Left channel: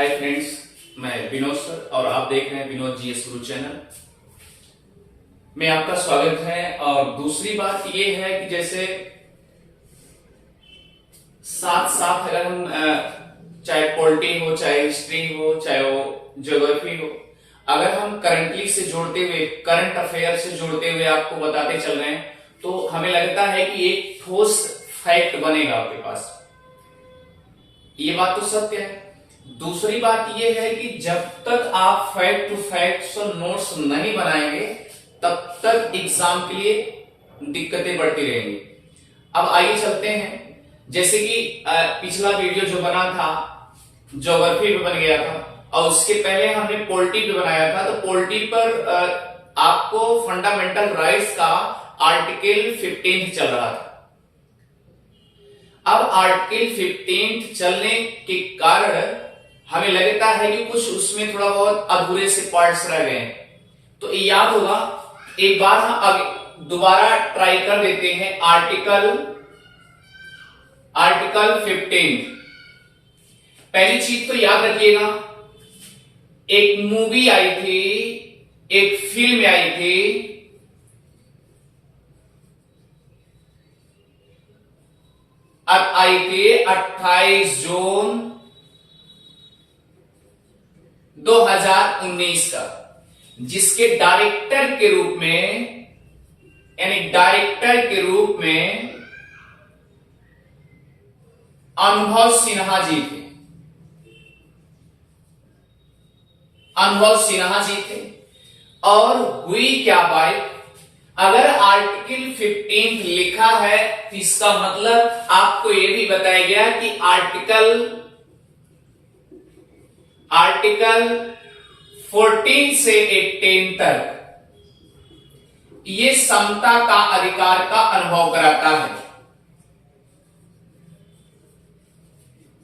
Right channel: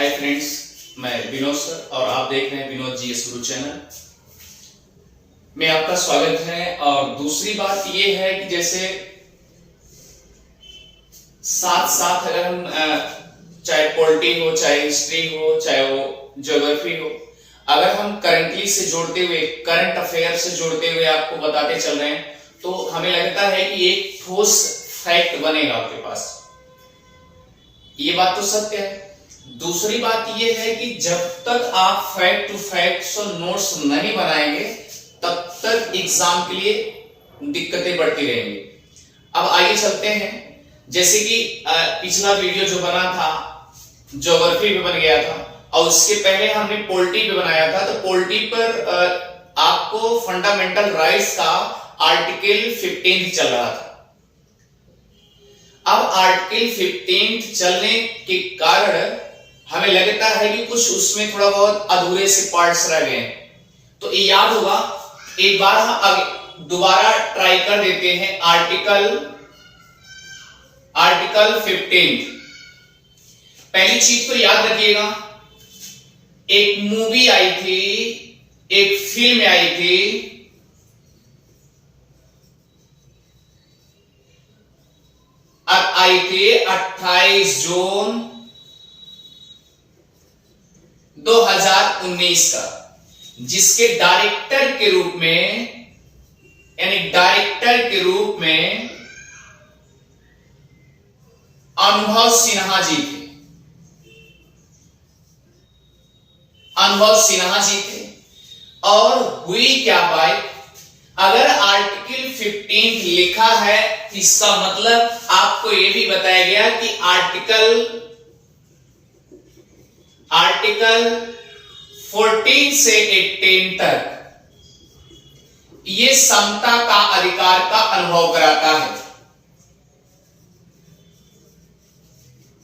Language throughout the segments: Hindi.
हाय फ्रेंड्स, मैं विनोद सर और आप देख रहे हैं विनोद जीएस गुरु चैनल में आपका स्वागत है। और दूसरी बात यह है कि जैसे साथ साथ अगर हम चाहे पॉलिटी हो, चाहे हिस्ट्री हो, चाहे वो ज्योग्राफी हो, अगर हम करंटली से जोड़ते हुए, करंट अफेयर से जोड़ते हुए आपको बताते चल रहे हैं तो हमें लगता है कि एक ठोस फैक्ट बनेगा आपके पास। ये बात तो सत्य है। दूसरी बात यह है कि जब तक आप फैक्ट टू फैक्ट नोट्स नहीं बनाएंगे तब तक एग्जाम के लिए दिक्कतें बढ़ती रहेंगी। अब आइए चलते हैं, जैसे कि पिछला वीडियो जो बना था ज्योग्राफी पे बन गया था और उसके पहले हमने पॉलिटी पे बनाया था। तो पॉलिटी पर आपको फंडामेंटल राइट्स का आर्टिकल 15 चल रहा था। अब आर्टिकल 15 चलने के कारण हमें लगता है कि कुछ उसमें थोड़ा बहुत अधूरे से पार्ट्स रह गए हैं। तो ये याद होगा, एक बार हम दोबारा ट्राई कर देते हैं। आर्टिकल 15। पहली चीज तो याद रखिएगा, एक मूवी आई थी, एक फिल्म आई थी, अब आई थी 28 जून 2019 का, जिसके डायरेक्टर के रूप में अनुभव सिन्हा जी थे। और हुई क्या बात, अगर आर्टिकल 15 लिखा है इसका मतलब आपको यह भी बताया गया कि आर्टिकल 14 से 18 तक ये समता का अधिकार का अनुभव कराता है।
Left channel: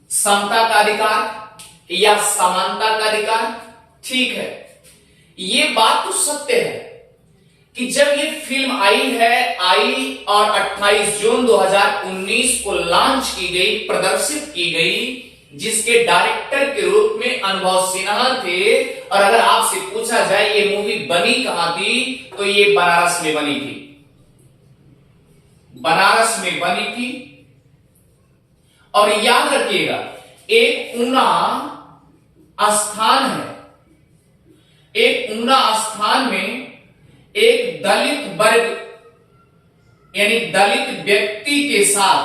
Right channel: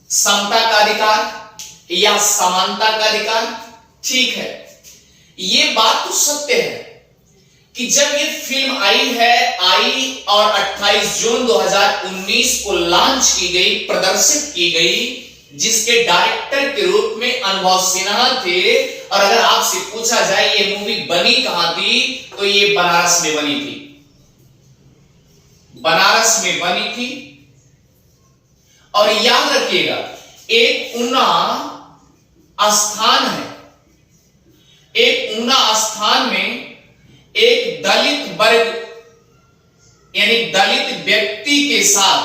समता का अधिकार या समानता का अधिकार, ठीक है। ये बात तो सत्य है कि जब ये फिल्म आई और 28 जून 2019 को लॉन्च की गई, प्रदर्शित की गई, जिसके डायरेक्टर के रूप में अनुभव सिन्हा थे। और अगर आपसे पूछा जाए ये मूवी बनी कहां थी, तो ये बनारस में बनी थी। और याद रखिएगा, एक ऊना स्थान में एक दलित वर्ग यानी दलित व्यक्ति के साथ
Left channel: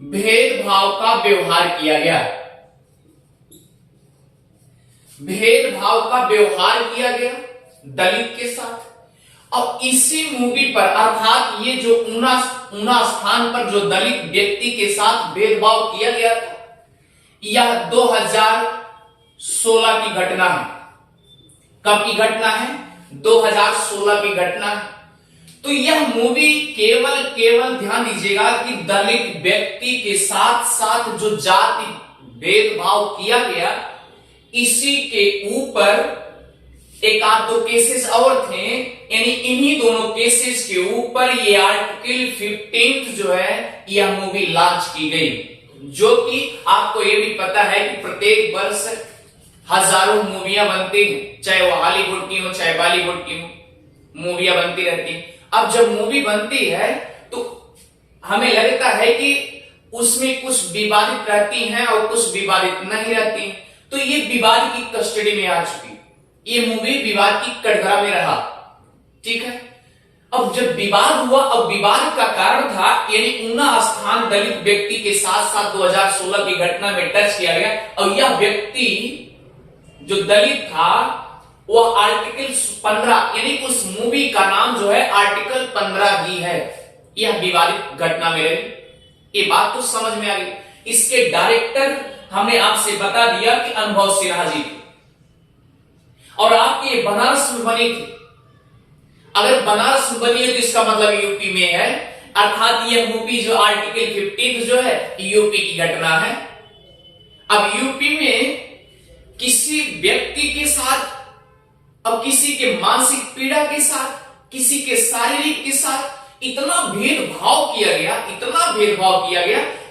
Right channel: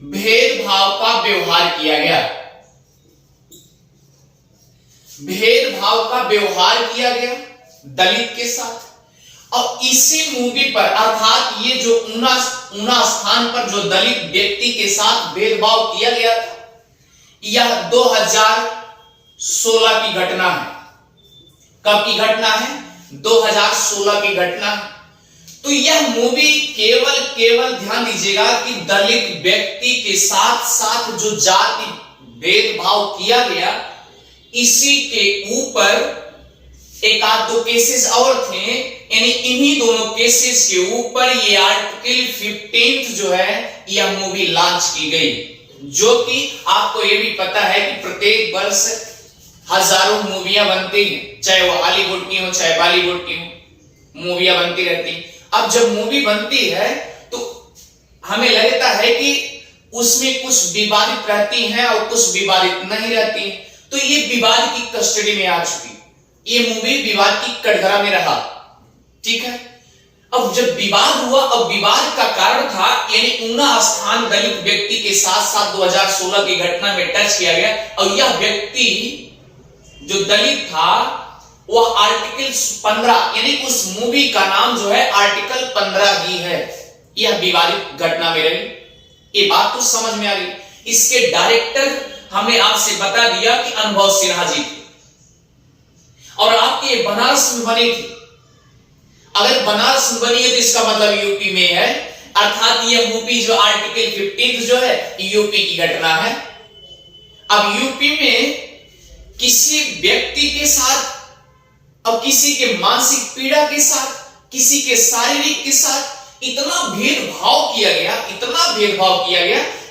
भेदभाव का व्यवहार किया गया दलित के साथ। और इसी मूवी पर, अर्थात ये जो ऊना स्थान पर जो दलित व्यक्ति के साथ भेदभाव किया गया था, यह 2016 की घटना है। कब की घटना है? 2016 की घटना है। तो यह मूवी केवल ध्यान दीजिएगा कि दलित व्यक्ति के साथ जो जाति भेदभाव किया गया, इसी के ऊपर एक आध दो केसेस और थे, यानी इन्हीं दोनों केसेस के ऊपर ये आर्टिकल 15 जो है यह मूवी लॉन्च की गई। जो कि आपको यह भी पता है कि प्रत्येक वर्ष हजारों मूवियां बनती हैं, चाहे वो हॉलीवुड की हो चाहे बॉलीवुड की हो, मूवियां बनती रहती हैं। अब जब मूवी बनती है तो हमें लगता है कि उसमें कुछ विवादित रहती हैं और कुछ विवादित नहीं रहती। तो ये विवाद की कस्टडी में आ चुकी, ये मूवी विवाद की कटघरा में रहा, ठीक है। अब जब विवाद हुआ, अब विवाद का कारण था, यानी ऊना स्थान दलित व्यक्ति के साथ 2016 की घटना में टच किया गया। और यह व्यक्ति जो दलित था वह आर्टिकल 15, यानी उस मूवी का नाम जो है आर्टिकल 15 ही है। यह विवादित घटना में रही। ये बात तो समझ में आ गई। इसके डायरेक्टर हमने आपसे बता दिया कि अनुभव सिन्हा जी थे और आपके बनारस में बनी थी। अगर बनारस में बनी है तो इसका मतलब यूपी में है, अर्थात यह मूवी जो आर्टिकल 15 जो है यूपी की घटना है। अब यूपी में किसी व्यक्ति के साथ, अब किसी के मानसिक पीड़ा के साथ, किसी के शारीरिक के साथ इतना भेदभाव किया गया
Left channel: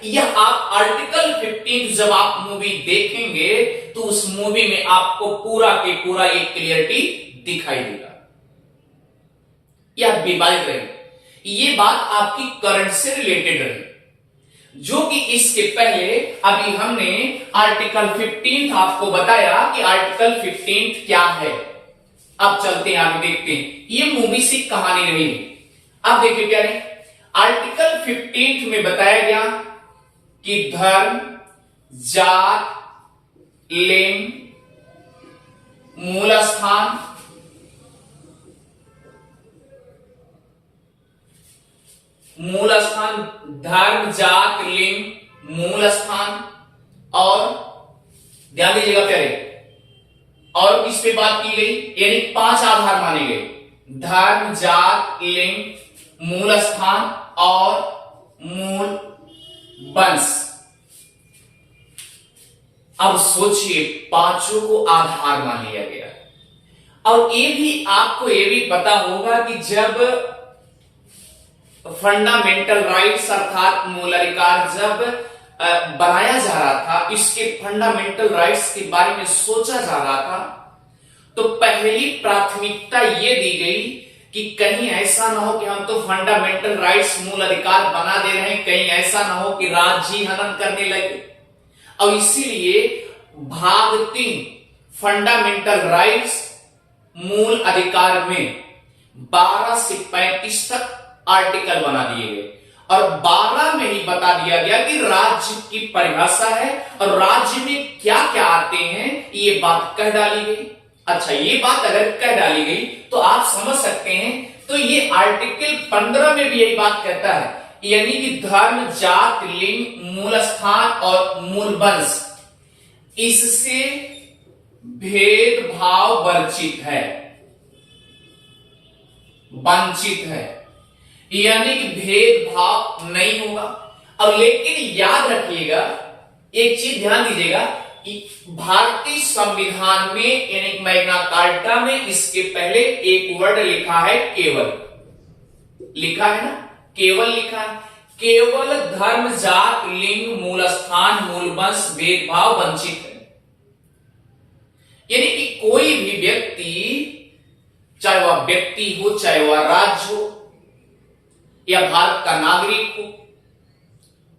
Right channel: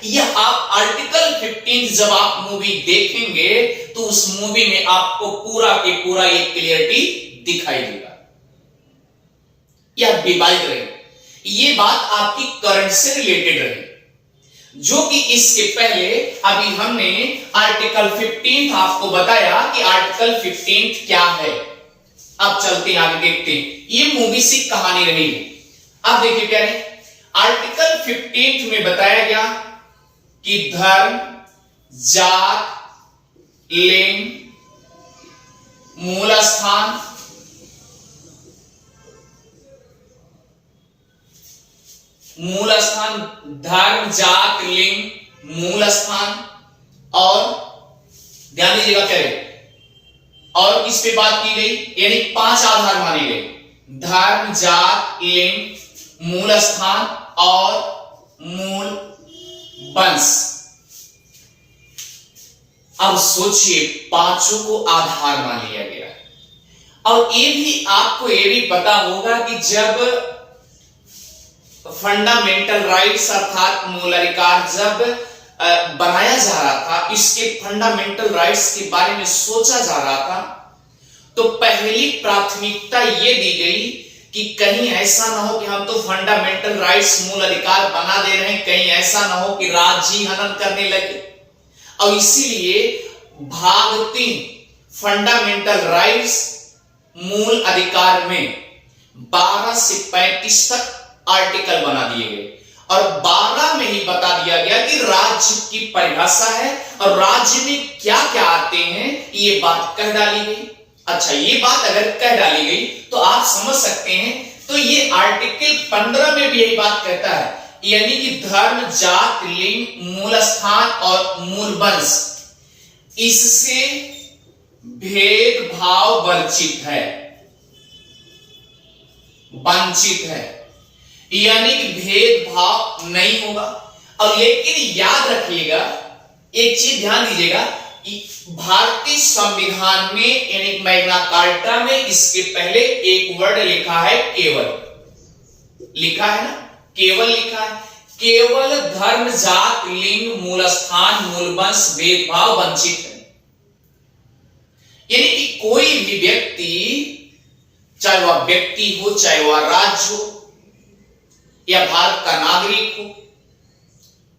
यह आप आर्टिकल 15 जब आप मूवी देखेंगे तो उस मूवी में आपको पूरा के पूरा एक क्लियरिटी दिखाई देगा। यह विवादित रही, ये बात आपकी करंट से रिलेटेड रही, जो कि इसके पहले अभी हमने आर्टिकल 15 आपको बताया कि आर्टिकल 15 क्या है। अब चलते हैं आगे देखते हैं, ये मूवी सी कहानी रही। अब देखिए क्या है, आर्टिकल 15 में बताया गया कि धर्म, जात, लिंग, मूल स्थान, धर्म, जात, लिंग, मूल स्थान और ध्यान दीजिएगा क्या है, और किस पे बात की गई, यानी 5 आधार माने गए, धर्म, जात, लिंग, मूल स्थान और मूल वंश। अब सोचिए, पांचों को आधार मान लिया गया। और ये भी आपको ये भी पता होगा कि जब फंडामेंटल राइट्स अर्थात मूल अधिकार जब बनाया जा रहा था, इसके फंडामेंटल राइट्स के बारे में सोचा जा रहा था, तो पहली प्राथमिकता यह दी गई कि कहीं ऐसा ना हो कि हम तो फंडामेंटल राइट्स मूल अधिकार बना दे रहे हैं, कहीं ऐसा ना हो कि राज्य हनन करने लगे। और इसीलिए भाग 3 फंडामेंटल राइट्स मूल अधिकार में 12 से 35 तक आर्टिकल बना दिए गए और 12 में ही बता दिया गया कि राज्य की परिभाषा है और राज्य में क्या क्या आते हैं, ये बात कह डाली गई। अच्छा, ये बात अगर कह डाली गई तो आप समझ सकते हैं, तो ये आर्टिकल 15 में भी यही बात कहता है, यानी कि धर्म, जात, लिंग, मूल स्थान और मूल वंश, इससे भेदभाव वंचित है, यानी कि भेदभाव नहीं होगा। अब लेकिन याद रखिएगा, एक चीज ध्यान दीजिएगा, भारतीय संविधान में यानी मैग्ना कार्टा में इसके पहले एक वर्ड लिखा है केवल, लिखा है ना, केवल लिखा है, केवल धर्म, जात, लिंग, मूल स्थान, मूल वंश भेदभाव वंचित है। यानी कि कोई भी व्यक्ति, चाहे वह व्यक्ति हो, चाहे वह राज्य हो या भारत का नागरिक हो,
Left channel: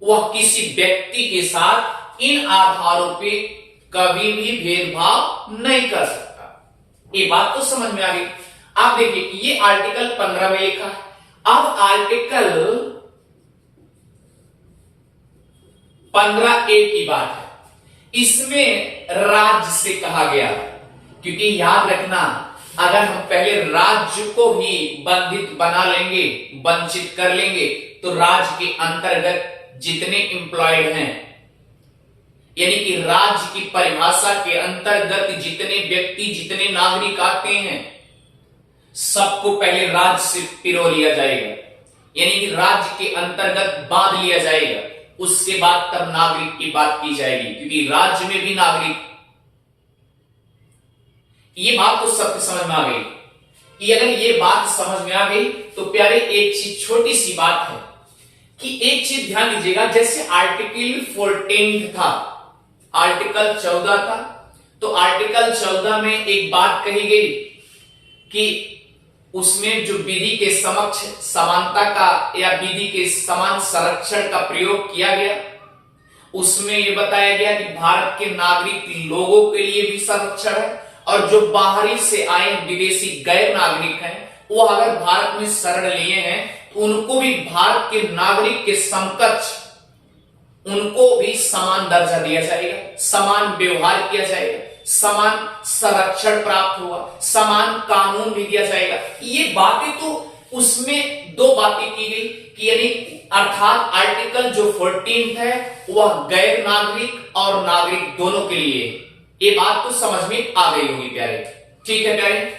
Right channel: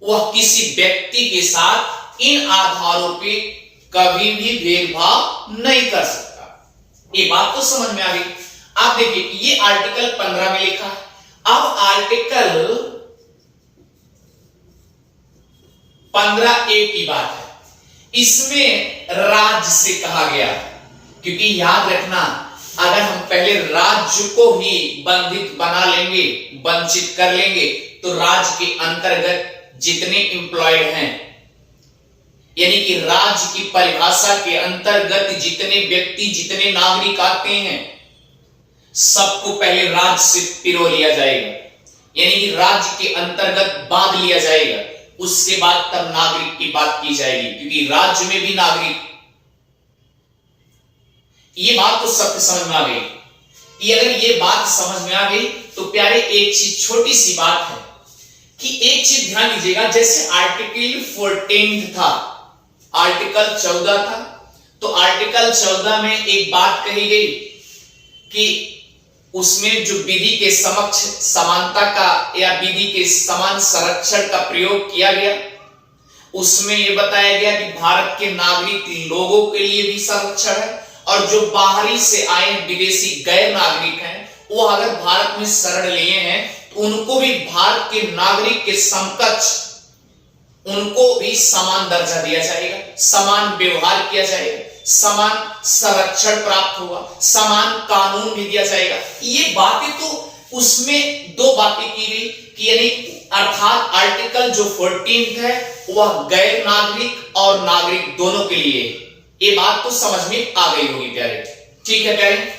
वह किसी व्यक्ति के साथ इन आधारों पे कभी भी भेदभाव नहीं कर सकता। ये बात तो समझ में आ गई। आप देखिए, ये आर्टिकल 15 में लिखा है। अब आर्टिकल 15A की बात है, इसमें राज्य से कहा गया, क्योंकि याद रखना, अगर हम पहले राज्य को ही बंधित बना लेंगे, वंचित कर लेंगे, तो राज्य के अंतर्गत जितने एम्प्लॉयड हैं, यानी कि राज्य की परिभाषा के अंतर्गत जितने व्यक्ति, जितने नागरिक आते हैं, सबको पहले राज्य से पिरो लिया जाएगा, यानी कि राज्य के अंतर्गत बांध लिया जाएगा। उसके बाद तब नागरिक की बात की जाएगी, क्योंकि राज्य में भी नागरिक। ये बात तो सबको समझ में आ गई। कि अगर ये बात समझ में आ गई तो प्यारे, एक चीज, छोटी सी बात है कि एक चीज ध्यान दीजिएगा, जैसे आर्टिकल 14 था, आर्टिकल 14 था, तो आर्टिकल 14 में एक बात कही गई कि उसमें जो विधि के समक्ष समानता का या विधि के समान संरक्षण का प्रयोग किया गया, उसमें यह बताया गया कि भारत के नागरिक लोगों के लिए भी संरक्षण है, और जो बाहरी से आए विदेशी गैर नागरिक हैं, वो अगर भारत में शरण लिए हैं तो उनको भी भारत के नागरिक के समकक्ष उनको भी समान दर्जा दिया जाएगा, समान व्यवहार किया जाएगा, समान संरक्षण प्राप्त होगा, समान कानून भी दिया जाएगा। ये बातें तो उसमें 2 बातें की गई कि यानी अर्थात आर्टिकल जो 14 है वह गैर नागरिक और नागरिक दोनों के लिए। ये बात तो समझ में आ गई होगी प्यारे, ठीक है प्यारे,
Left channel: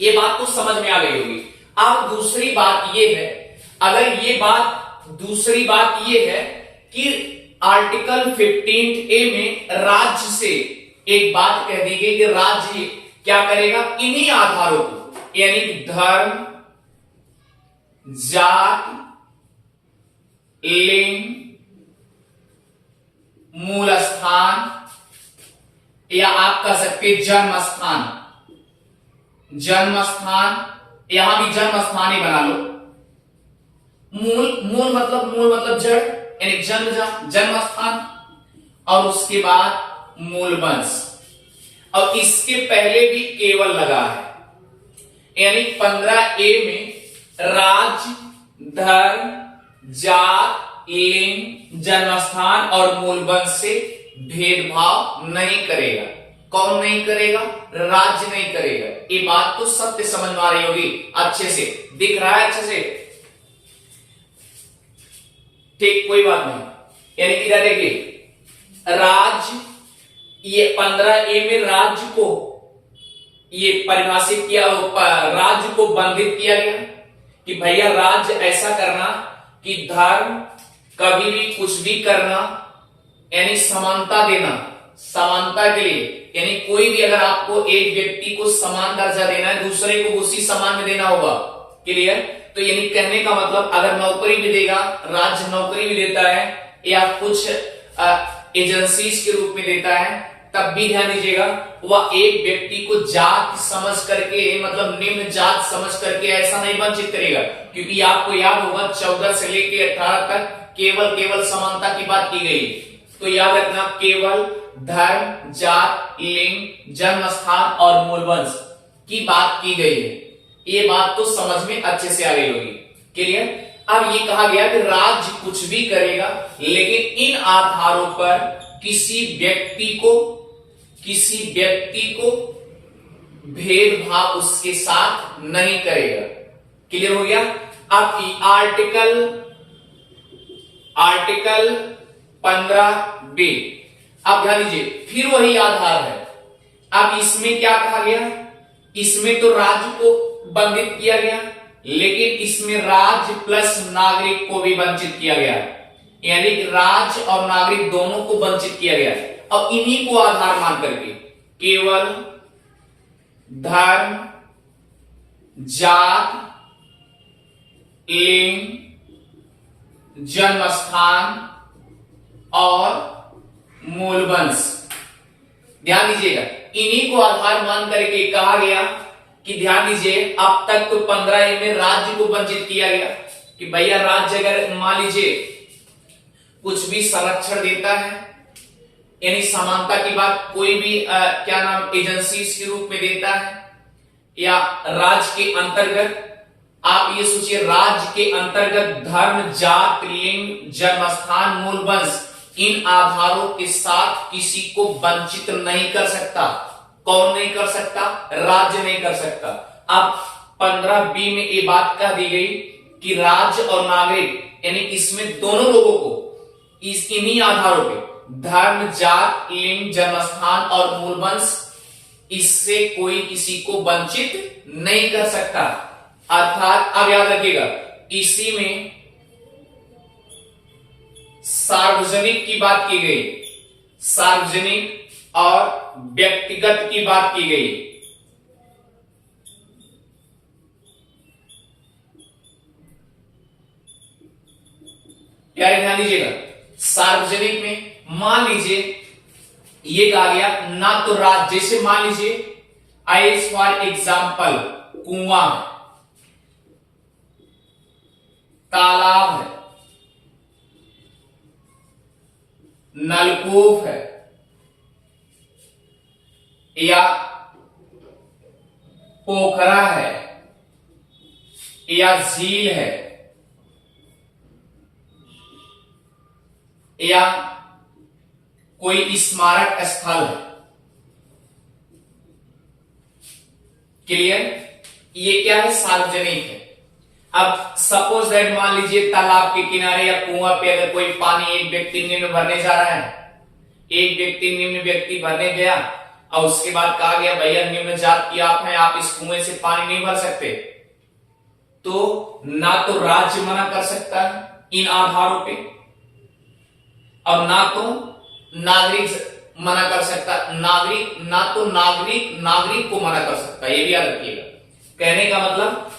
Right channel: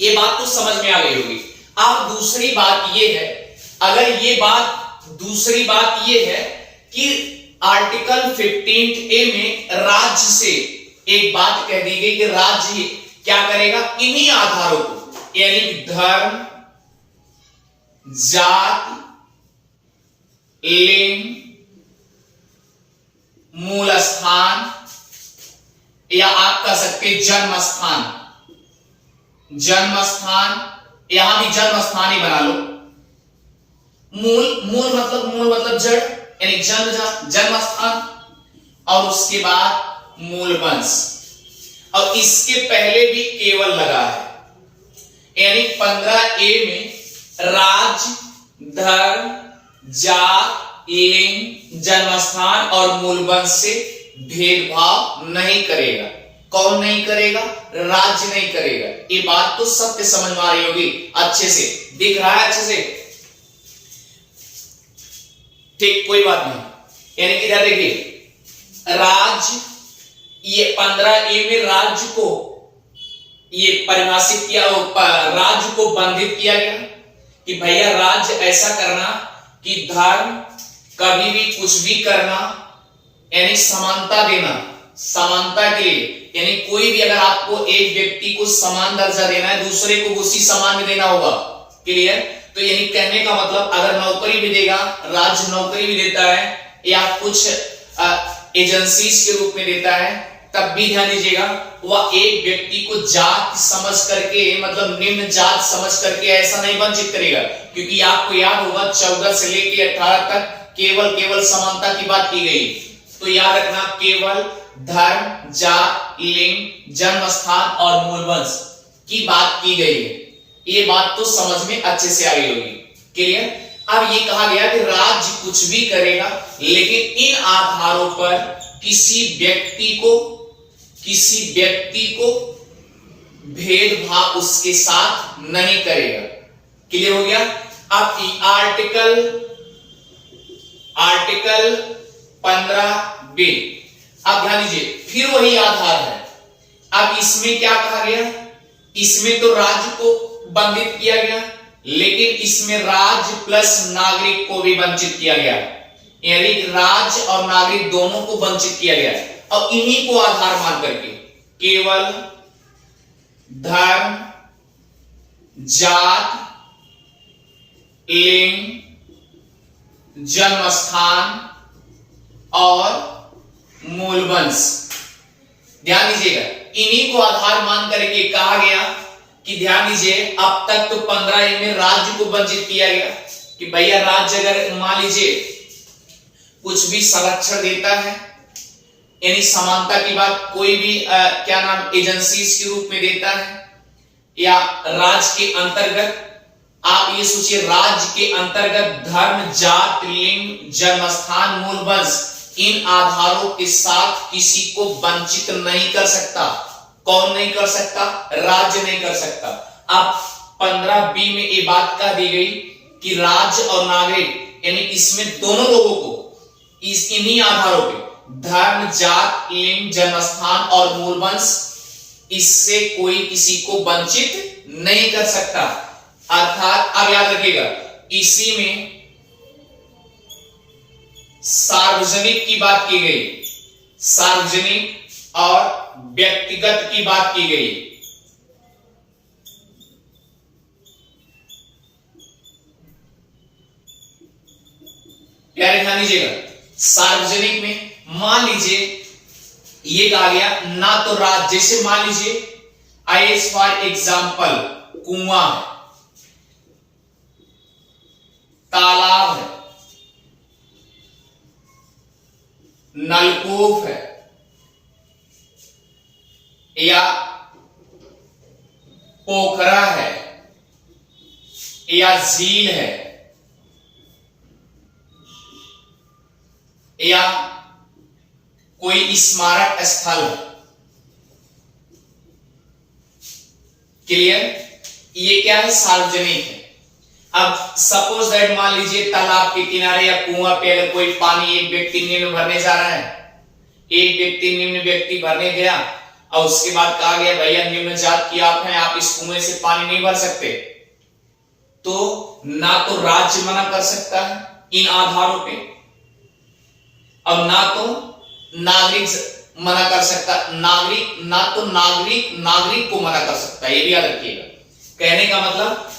ये बात तो समझ में आ गई होगी। अब दूसरी बात ये है, अगर ये बात, दूसरी बात ये है कि आर्टिकल 15A में राज्य से एक बात कह दी गई कि राज्य क्या करेगा, इन्हीं आधारों को, यानी धर्म, जात, लिंग, मूल स्थान, या आप कह सकते जन्म स्थान। जन्म स्थान, यहां भी जन्म स्थान ही बना लो। मूल मतलब जड़, यानी जन्म स्थान, और उसके बाद मूल वंश। और इसके पहले भी केवल लगा है, यानी 15A में राज्य, धर्म, जात, लिंग, जन्मस्थान और मूल वंश से भेदभाव नहीं करेगा। कौन नहीं करेगा? राज्य नहीं करेगा। ये बात तो सत्य समझ में आ रही होगी, अच्छे से दिख रहा है, अच्छे से, ठीक, कोई बात नहीं। यानी इधर देखिए, राज्य, ये 15A में राज्य को ये परिभाषित किया, राज्य को बंधित किया गया कि भैया राज्य ऐसा करना कि धर्म कभी भी कुछ भी करना, यानी समानता देना, समानता के लिए, यानी कोई भी अगर आपको एक व्यक्ति को समान दर्जा देना है, दूसरे को उसी समान में देना होगा। क्लियर? तो यानी कहने का मतलब, अगर नौकरी भी देगा, राज्य नौकरी भी देता है, या कुछ एजेंसीज के रूप में देता है, तब भी ध्यान दीजिएगा, वह एक व्यक्ति को जात समझ करके, मतलब निम्न जात समझ करके ऐसा नहीं वंचित करेगा। क्योंकि आपको याद होगा 14 से लेकर 18 तक केवल समानता की बात की गई। तो याद रखना, केवल धर्म, जात, लिंग, जन्म स्थान और मूल वंश की बात की गई है। ये बात तो समझ में अच्छे से आ गई होगी। क्लियर? अब ये कहा गया कि राज्य कुछ भी करेगा, लेकिन इन आधारों पर किसी व्यक्ति को भेदभाव उसके साथ नहीं करेगा। क्लियर हो गया? अब आर्टिकल 15B, अब ध्यान दीजिए, फिर वही आधार है। अब इसमें क्या कहा गया? इसमें तो राज्य को बंधित किया गया, लेकिन इसमें राज्य प्लस नागरिक को भी वंचित किया गया, यानी राज्य और नागरिक दोनों को वंचित किया गया। और इन्हीं को आधार मान करके केवल धर्म, जात, लिंग, जन्म स्थान और मूल वंश, ध्यान दीजिएगा, इन्हीं को आधार मान करके कहा गया कि ध्यान दीजिए, अब तक तो 15A में राज्य को वंचित किया गया कि भैया राज्य अगर मान लीजिए कुछ भी संरक्षण देता है, यानी समानता की बात कोई भी एजेंसीज के रूप में देता है, या राज्य के अंतर्गत, आप ये सोचिए, राज्य के अंतर्गत धर्म, जात, लिंग, जन्मस्थान, मूल वंश, इन आधारों के साथ किसी को वंचित नहीं कर सकता। कौन नहीं कर सकता? राज्य नहीं कर सकता। अब 15B में ये बात कह दी गई कि राज्य और नागरिक, यानी इसमें दोनों लोगों को इन्हीं आधारों पे, धर्म, जात, लिंग, जन्मस्थान और मूल वंश, इससे कोई किसी को वंचित नहीं कर सकता। अर्थात अब याद रखिएगा, इसी में सार्वजनिक की बात की गई, सार्वजनिक और व्यक्तिगत की बात की गई। प्यारे ध्यान दीजिएगा, सार्वजनिक में मान लीजिए ये कहा गया ना तो राज्य, जैसे मान लीजिए एज फॉर एग्जाम्पल कुआं है, तालाब है, नलकूप है, या पोखरा है, या झील है, या कोई स्मारक स्थल है। क्लियर? ये क्या है? सार्वजनिक है। अब सपोज दैट मान लीजिए तालाब के किनारे या कुआं पे अगर कोई पानी एक व्यक्ति निम्न भरने जा रहा है, एक व्यक्ति निम्न व्यक्ति भरने गया और उसके बाद कहा गया भैया निम्न जात की आप हैं, आप इस कुएं से पानी नहीं भर सकते, तो ना तो राज्य मना कर सकता है इन आधारों पे, और ना तो नागरिक मना कर सकता, नागरिक को मना कर सकता है। ये भी याद रखिएगा। कहने का मतलब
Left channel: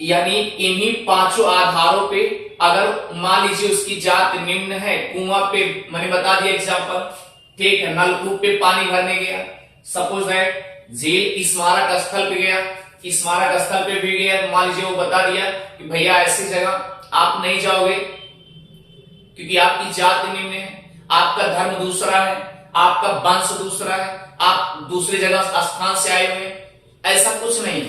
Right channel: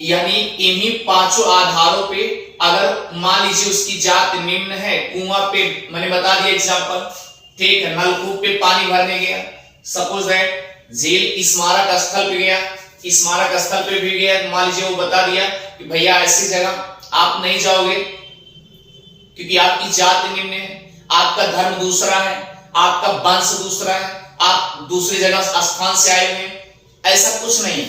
यानी इन्हीं पांचों आधारों पे अगर मान लीजिए उसकी जात निम्न है, कुआं पे मैंने बता दिया एग्जांपल, ठीक है, नलकूप पे पानी भरने गया, सपोज दैट झील स्मारक स्थल पे गया, स्मारक स्थल पे भी गया, मान लीजिए वो बता दिया कि भैया ऐसी जगह आप नहीं जाओगे क्योंकि आपकी जात निम्न है, आपका धर्म दूसरा है, आपका वंश दूसरा है, आप दूसरी जगह स्थान से आए हुए हैं, ऐसा कुछ नहीं।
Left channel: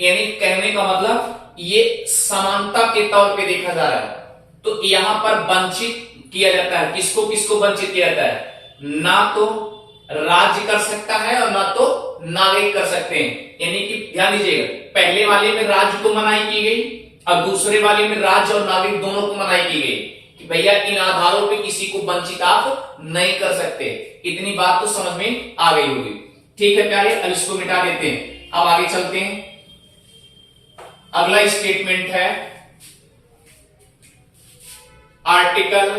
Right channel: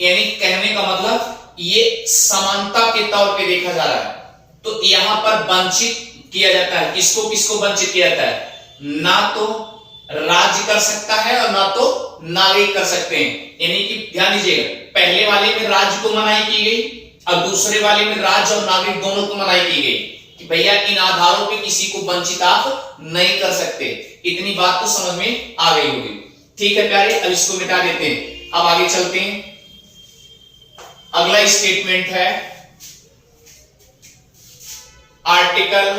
यानी कहने का मतलब ये समानता के तौर पे देखा जा रहा है। तो यहां पर वंचित किया जाता है, किसको किसको वंचित किया जाता है, ना तो राज्य कर सकता है और ना तो नागरिक कर सकते हैं। यानी कि ध्यान दीजिएगा, पहले वाले में राज्य को मनाही की गई और दूसरे वाले में राज्य और नागरिक दोनों को मनाही की गई कि भैया इन आधारों पे किसी को वंचित आप नहीं कर सकते। इतनी बात तो समझ में आ गई होगी। ठीक है प्यारे, अब इसको मिटा देते हैं, अब आगे चलते हैं। अगला स्टेटमेंट है आर्टिकल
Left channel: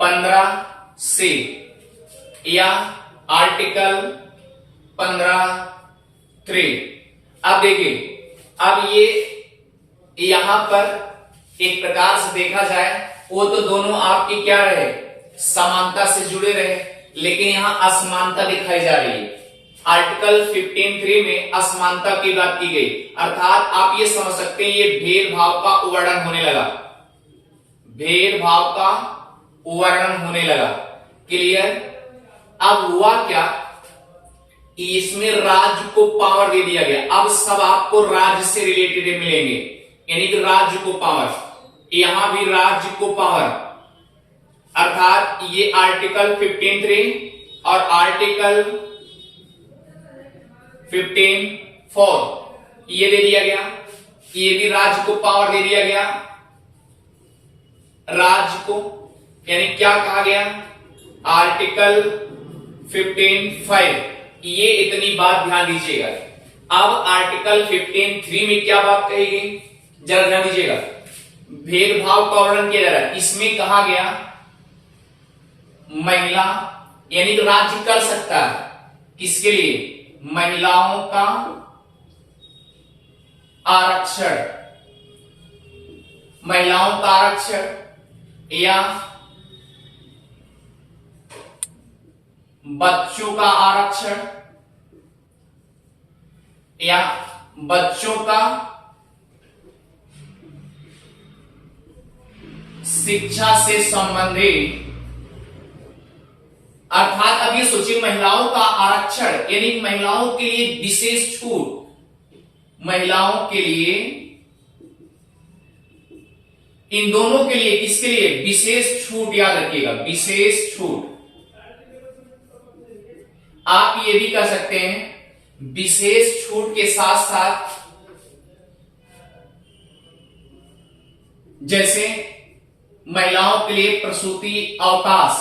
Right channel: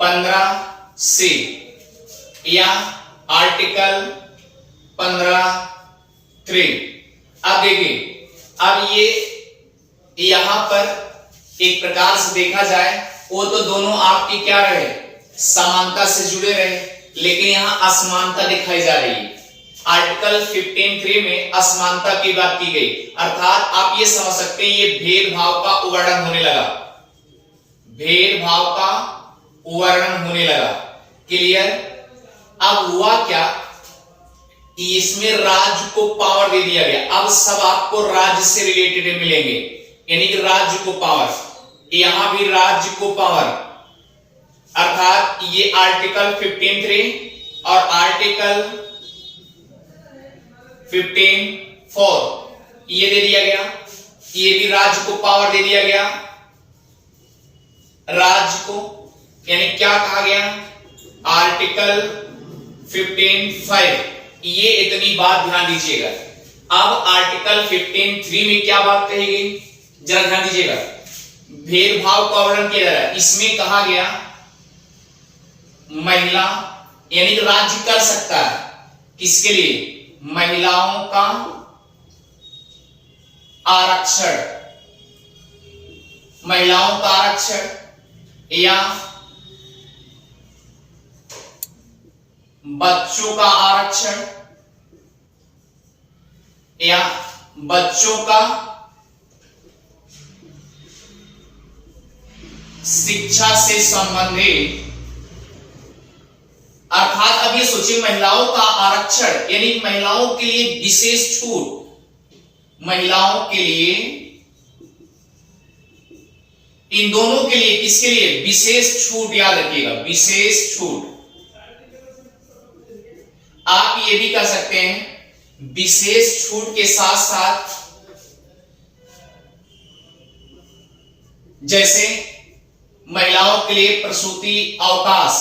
15 से या आर्टिकल 15(3). अब देखिए, अब ये यहां पर एक प्रकार से देखा जाए वो तो दोनों आपके क्या रहे, समानता से जुड़े रहे, लेकिन यहां असमानता दिखाई जा रही है। आर्टिकल 15(3) में असमानता की बात की गई, अर्थात आप ये समझ सकते हैं ये भेदभाव का उल्लंघन होने लगा, भेदभाव का उल्लंघन होने लगा। क्लियर? अब हुआ क्या, इसमें राज्य को पावर दे दिया गया। अब सब आपको राज्य से रिलेटेड मिलेंगे, यानी कि राज्य को पावर, यहां भी राज्य को पावर, अर्थात ये आर्टिकल 15(3) और आर्टिकल 15(4) ये दे दिया गया, ये भी राज्य को पावर दे दिया गया, राज्य को। यानी क्या कहा गया, आर्टिकल 15(5), ये इतनी बात ध्यान दीजिएगा। अब आर्टिकल 15(3) में क्या बात कही गई, जरा ध्यान दीजिएगा, भेदभाव का वर्णन किया जा रहा है। इसमें कहा गया महिला, यानी कि राज्य कर सकता है किसके लिए, महिलाओं का आरक्षण, महिलाओं का आरक्षण या बच्चों का आरक्षण या बच्चों का शिक्षा से संबंधित, अर्थात अब ये सोचिए महिलाओं का आरक्षण यानी महिलाओं के लिए विशेष छूट, महिलाओं के लिए, इन दोनों के लिए, किसके लिए, विशेष छूट, याद रखिएगा विशेष छूट। आप ये भी कर सकते हैं विशेष छूट के साथ साथ, जैसे महिलाओं के लिए प्रसूति अवकाश,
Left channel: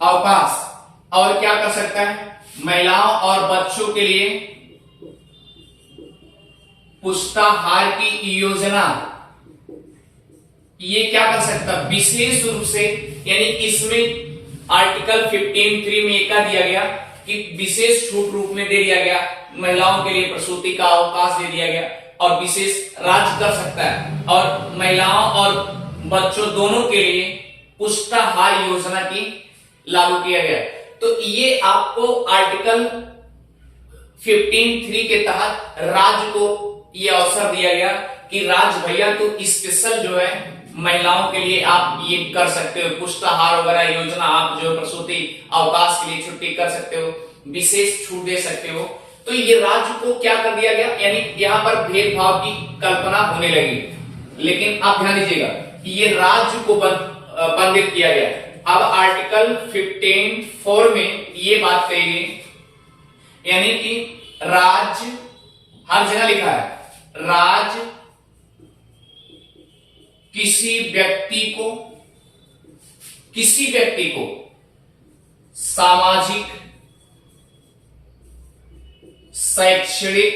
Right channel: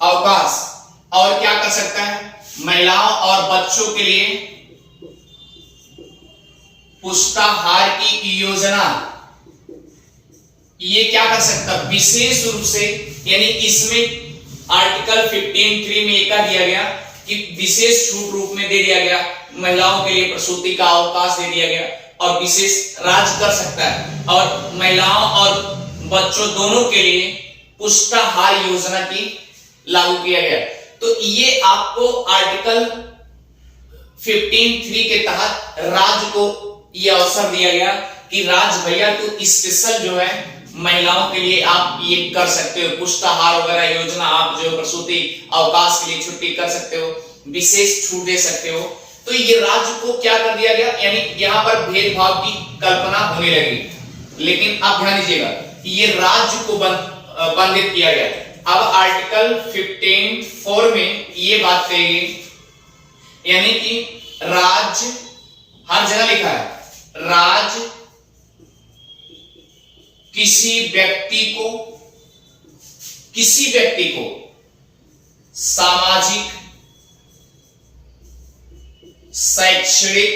अवकाश, और क्या कर सकता है, महिलाओं और बच्चों के लिए पुष्टाहार की योजना, ये क्या कर सकता है विशेष रूप से। यानी इसमें आर्टिकल 15(3) में क्या दिया गया कि विशेष छूट रूप में दे दिया गया, महिलाओं के लिए प्रसूति का अवकाश दे दिया गया और विशेष राज्य कर सकता है, और महिलाओं और बच्चों दोनों के लिए पुष्टाहार योजना की लागू किया गया। तो ये आपको आर्टिकल 15(3) के तहत राज्य को ये अवसर दिया गया कि राज्य भैया तो स्पेशल जो है महिलाओं के लिए आप ये कर सकते हो, पुष्टाहार वगैरह योजना, आप जो प्रसूति अवकाश के लिए छुट्टी कर सकते हो, विशेष छूट दे सकते हो। तो ये राज्य को क्या कर दिया गया, यानी यहां पर भेदभाव की कल्पना होने लगी। लेकिन आप ध्यान दीजिएगा ये राज्य को बंधित किया गया। अब आर्टिकल 15(4) में ये बात कही गई, यानी कि राज्य, हर जगह लिखा है राज्य किसी व्यक्ति को सामाजिक, शैक्षणिक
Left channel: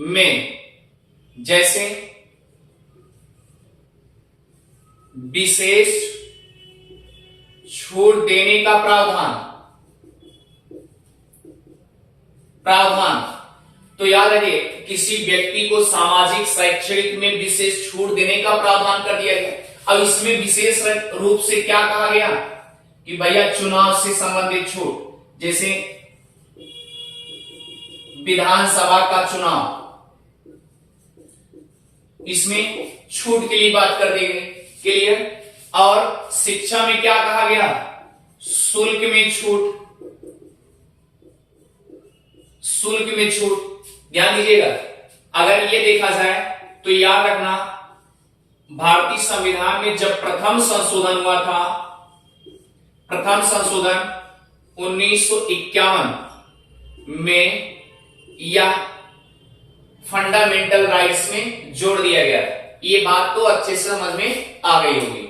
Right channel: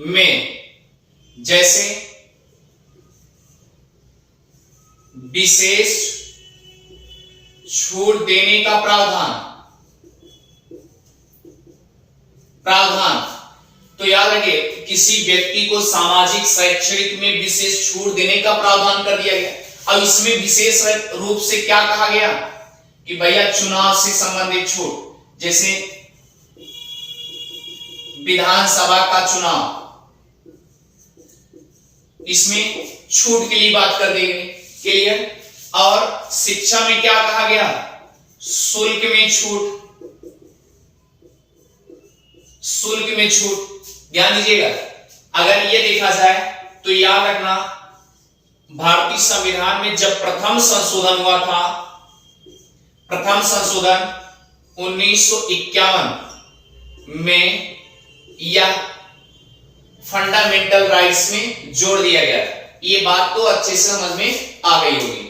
में जैसे विशेष छूट देने का प्रावधान तो याद रखिए, किसी व्यक्ति को सामाजिक शैक्षणिक में विशेष छूट देने का प्रावधान कर दिया गया। अब इसमें विशेष रूप से क्या कहा गया कि भैया चुनाव से संबंधित छूट, जैसे विधानसभा का चुनाव, इसमें छूट के लिए बात कर दी गई। क्लियर। और शिक्षा में क्या कहा गया, शुल्क में छूट, शुल्क में छूट। ध्यान दीजिएगा, अगर ये देखा जाए तो याद रखना, भारतीय संविधान में जब प्रथम संशोधन हुआ था, प्रथम संशोधन 1951 में, यह फंडामेंटल राइट्स में जोड़ दिया गया था। ये बात तो अच्छे से समझ में आ गई होगी।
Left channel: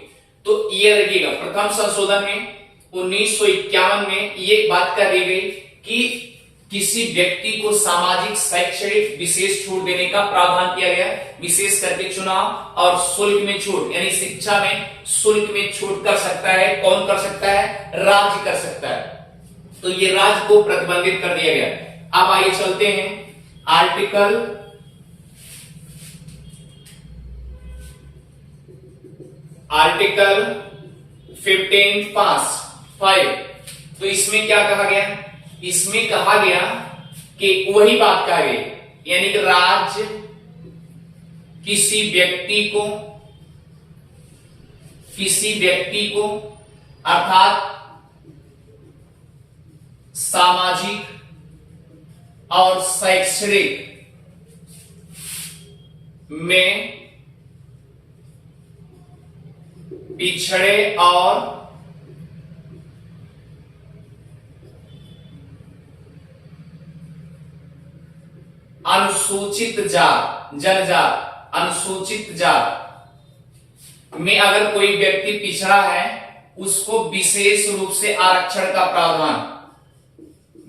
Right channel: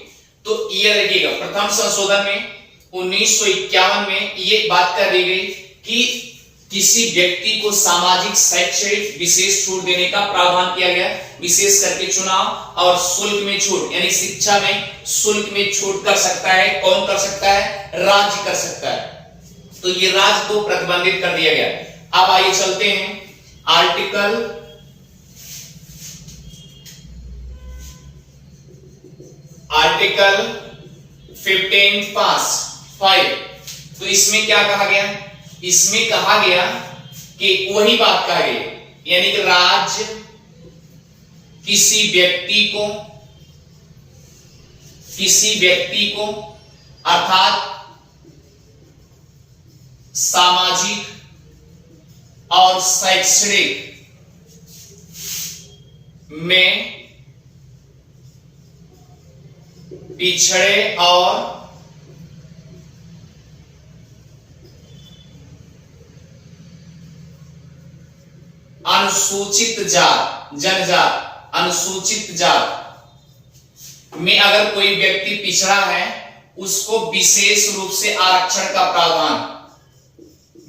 तो ये देखिएगा, प्रथम संशोधन में 1951 में ये बात कर दी गई कि किसी व्यक्ति को सामाजिक शैक्षणिक विशेष छूट देने का प्रावधान किया गया, विशेष करके चुनाव और शुल्क में छूट, यानी शिक्षा में शुल्क में छूट कर सकता है। कौन कर सकता है, राज्य कर सकता है। तो ये राज्य को प्रतिबंधित कर दिया गया। अब आइए चलते हैं आर्टिकल 15(5). तो इसमें क्या कहा गया, इसमें कहा गया कि वही बात कहा गई, यानी कि राज्य किसी व्यक्ति को अर्थात सामाजिक और शैक्षणिक में पिछड़े और अनुसूचित जात, जनजात, अनुसूचित जात में अगर कोई व्यक्ति पिछड़ा है, उसको विशेष रूप से आरक्षण का प्रावधान,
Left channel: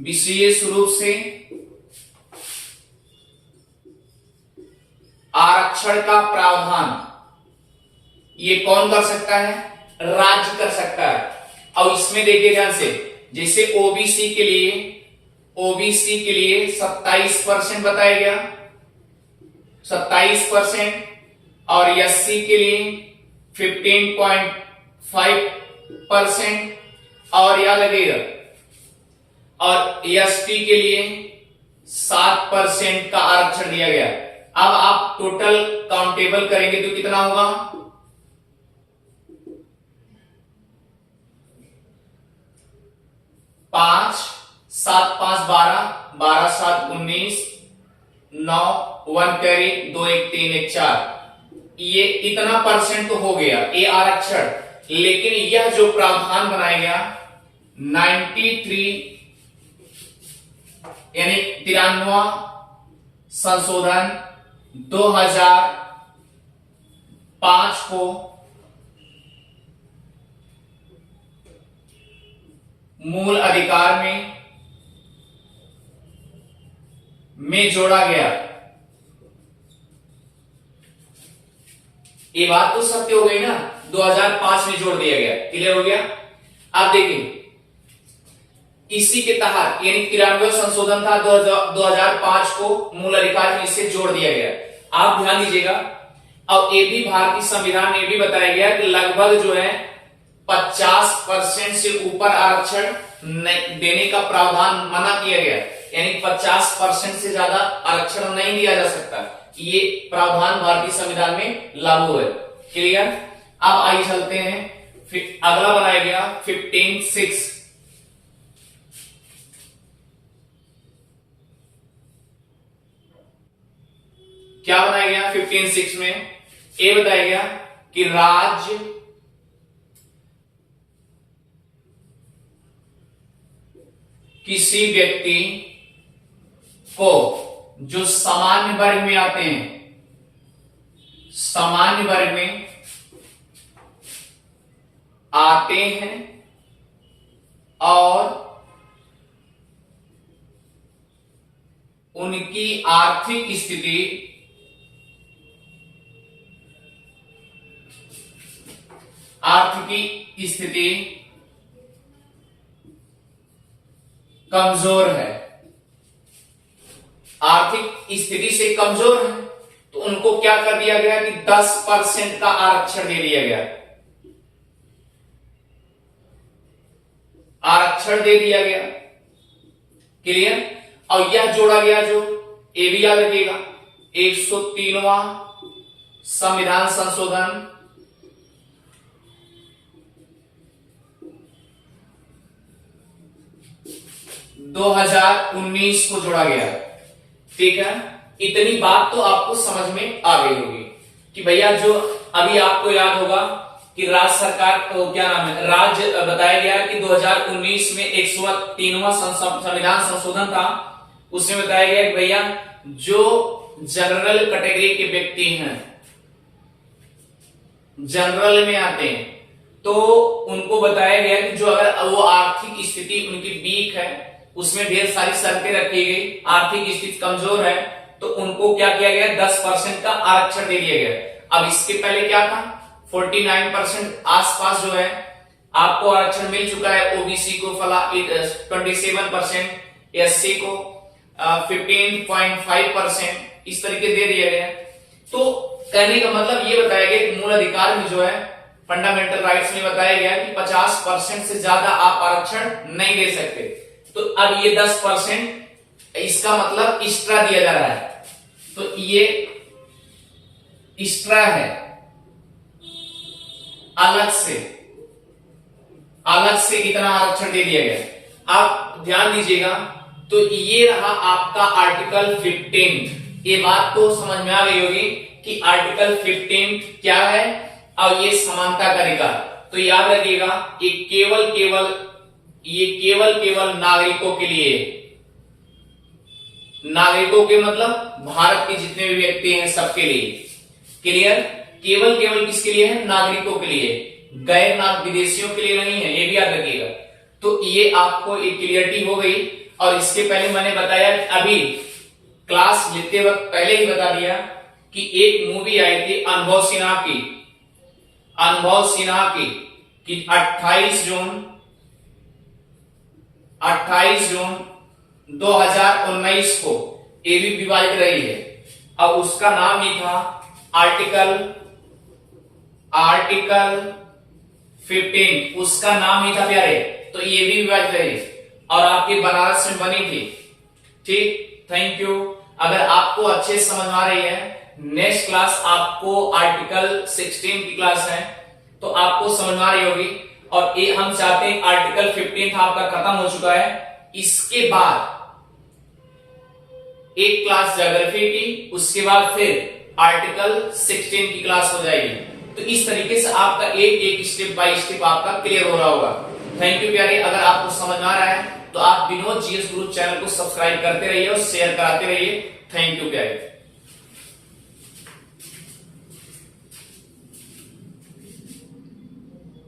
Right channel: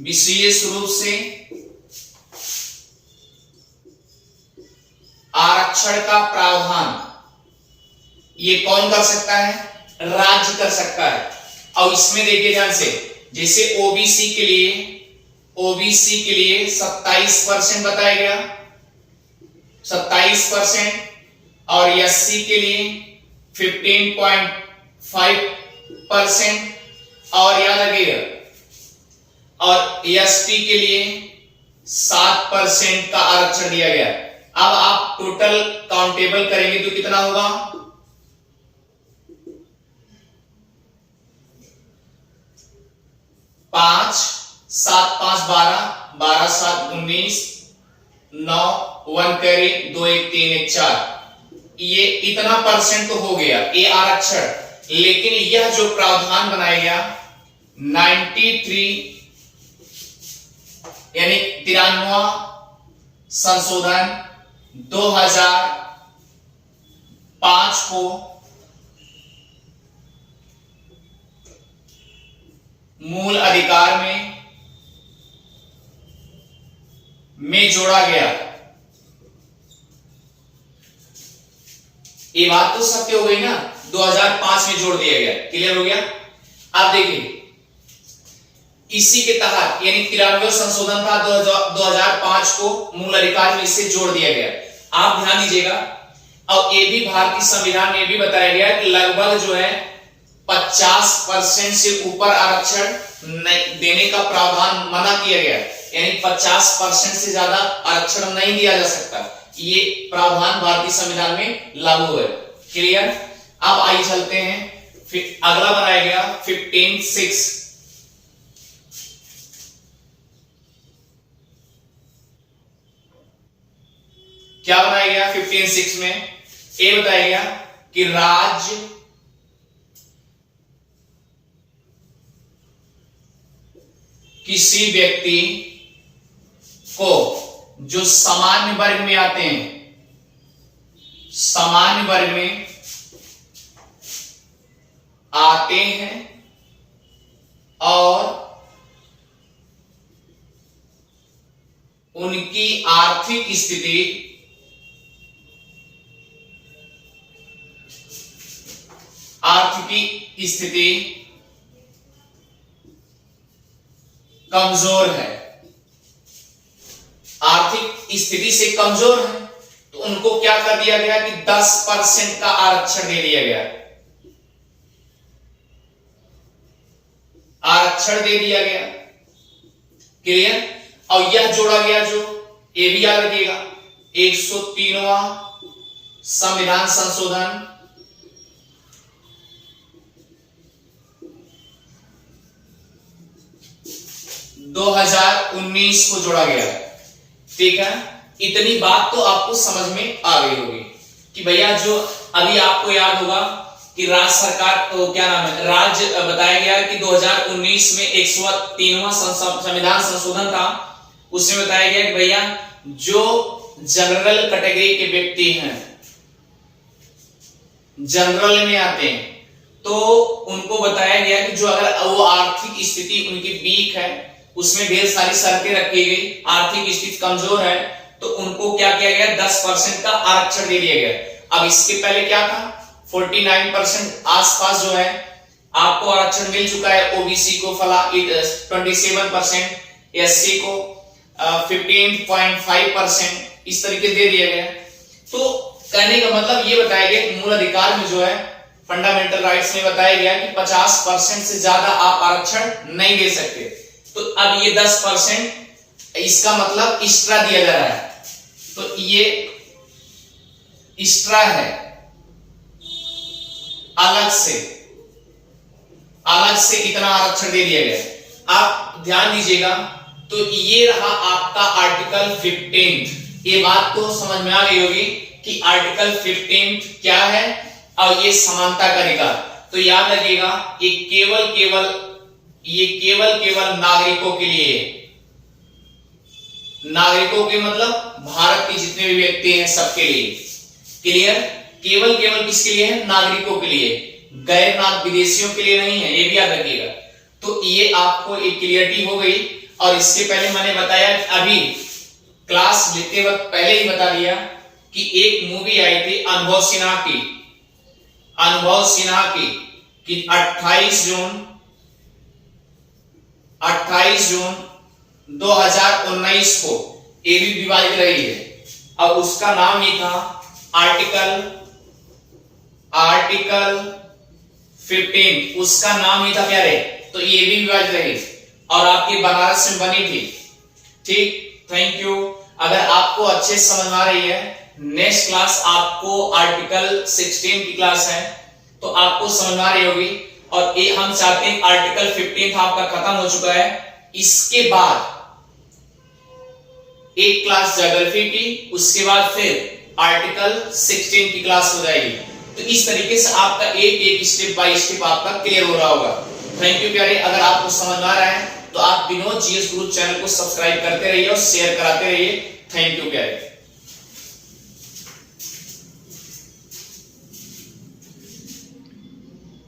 विशेष रूप से आरक्षण का प्रावधान ये कौन कर सकता है, राज्य कर सकता है। और इसमें देखिए ध्यान से, जैसे ओबीसी के लिए 27% बताया गया, 27%, और एससी के लिए 15.5%, और याद लगेगा, और एसटी के लिए 7% का आरक्षण दिया गया। अब आप टोटल काउंटेबल करेंगे तो कितना होगा, 5 7 5 12, 12 7 19, 9 1 करे, 2 1 3 1 4, ये इतना परसेंट तो हो गया ये आरक्षण। लेकिन यह जो प्रावधान बनाया गया 93 यानी 93वां संशोधन 2005 को मूल अधिकार में जोड़ा गया। ये बात तो सत्य हो गई ना, 2005 में जोड़ दिया गया। क्लियर हो गया। अब देखिए इसी के तहत यानी 93वां संशोधन था 2005 को मूल अधिकार में इससे जोड़ दिया गया। आप ध्यान दीजिएगा। अब ये भी भारतीय संविधान में भी बताया गया कि लगभग जो है 50% से ऊपर आरक्षण देने का प्रावधान मना किया गया, यानी 50% से ज्यादा आरक्षण नहीं दिया जा सकता। ये प्रावधान भारतीय संविधान में लागू है। क्लियर। अब आइए चलते हैं, फिर अगला बनाया गया 15(6). क्या बनाया गया 15(6) में? ये बताया गया कि राज्य किसी व्यक्ति को जो सामान्य वर्ग में आते हैं, सामान्य वर्ग में आते हैं और उनकी आर्थिक स्थिति कमजोर है, आर्थिक स्थिति से कमजोर है, तो उनको क्या कर दिया गया कि 10% का आरक्षण दे दिया गया, आरक्षण दे दिया गया। क्लियर? और यह जोड़ा गया, जो ये भी याद रखिएगा, 103वां संविधान संशोधन 2019 को जोड़ा गया है। ठीक है, इतनी बात तो आपको समझ में आ गई होगी कि भैया जो अभी आपको याद होगा कि राज्य सरकार को क्या नाम है, राज्य बताया गया कि 2019 में 103वां संविधान संशोधन था, उसमें बताया गया कि भैया जो जनरल कैटेगरी के व्यक्ति हैं, जनरल में आते हैं, तो उनको बताया गया कि जो अगर वो आर्थिक स्थिति उनकी वीक है, उसमें ढेर सारी शर्तें रखी गई, आर्थिक स्थिति कमजोर है, तो उनको क्या किया गया, 10% का आरक्षण दे दिया गया। अब इसके पहले क्या था, 49% आसपास जो है आपको आरक्षण मिल चुका है, ओबीसी को 27%, एससी को 15.5% इस तरीके दे दिया गया। तो कहने का मतलब ये बताया गया कि मूल अधिकार में जो है, फंडामेंटल राइट्स में बताया गया कि 50% से ज्यादा आप आरक्षण नहीं दे सकते। तो अब ये 10% इसका मतलब एक्स्ट्रा दिया जा रहा है, तो ये एक्स्ट्रा है, अलग से इतना आरक्षण दे दिया गया। आप ध्यान दीजिएगा, तो ये रहा आपका आर्टिकल 15। ये बात तो समझ में आ गई होगी कि आर्टिकल 15 क्या है और ये समानता का अधिकार। तो याद रखिएगा, ये केवल नागरिकों के लिए, नागरिकों के मतलब भारत के जितने भी व्यक्ति हैं सबके लिए। क्लियर? केवल किसके लिए है, नागरिकों के लिए, गैर नाग विदेशियों के लिए नहीं है, ये भी याद रखिएगा। तो ये आपको एक क्लियरिटी हो गई। और इसके पहले मैंने बताया, अभी क्लास लेते वक्त पहले ही बता दिया कि एक मूवी आई थी अनुभव सिन्हा की कि 28 जून 2019 को ये भी विवादित रही है, और उसका नाम ही था आर्टिकल 15, उसका नाम ही था प्यारे। तो ये भी विवादित रही और आपके बनारस में बनी थी। ठीक, थैंक यू। अगर आपको अच्छे समझ में आ रही है, नेक्स्ट क्लास आपको आर्टिकल 16 की क्लास है, तो आपको समझ में आ रही होगी। और ये हम चाहते हैं आर्टिकल 15 आपका खत्म हो चुका है, इसके बाद एक क्लास ज्योग्राफी की, उसके बाद फिर आर्टिकल 16 की क्लास हो जाएगी। तो इस तरीके से आपका एक स्टेप बाय स्टेप आपका क्लियर हो रहा होगा। थैंक यू प्यारे। अगर आपको समझ में आ रहा है तो आप विनोद जीएस गुरु चैनल को सब्सक्राइब करते रहिए और शेयर कराते रहिए। थैंक यू प्यारे।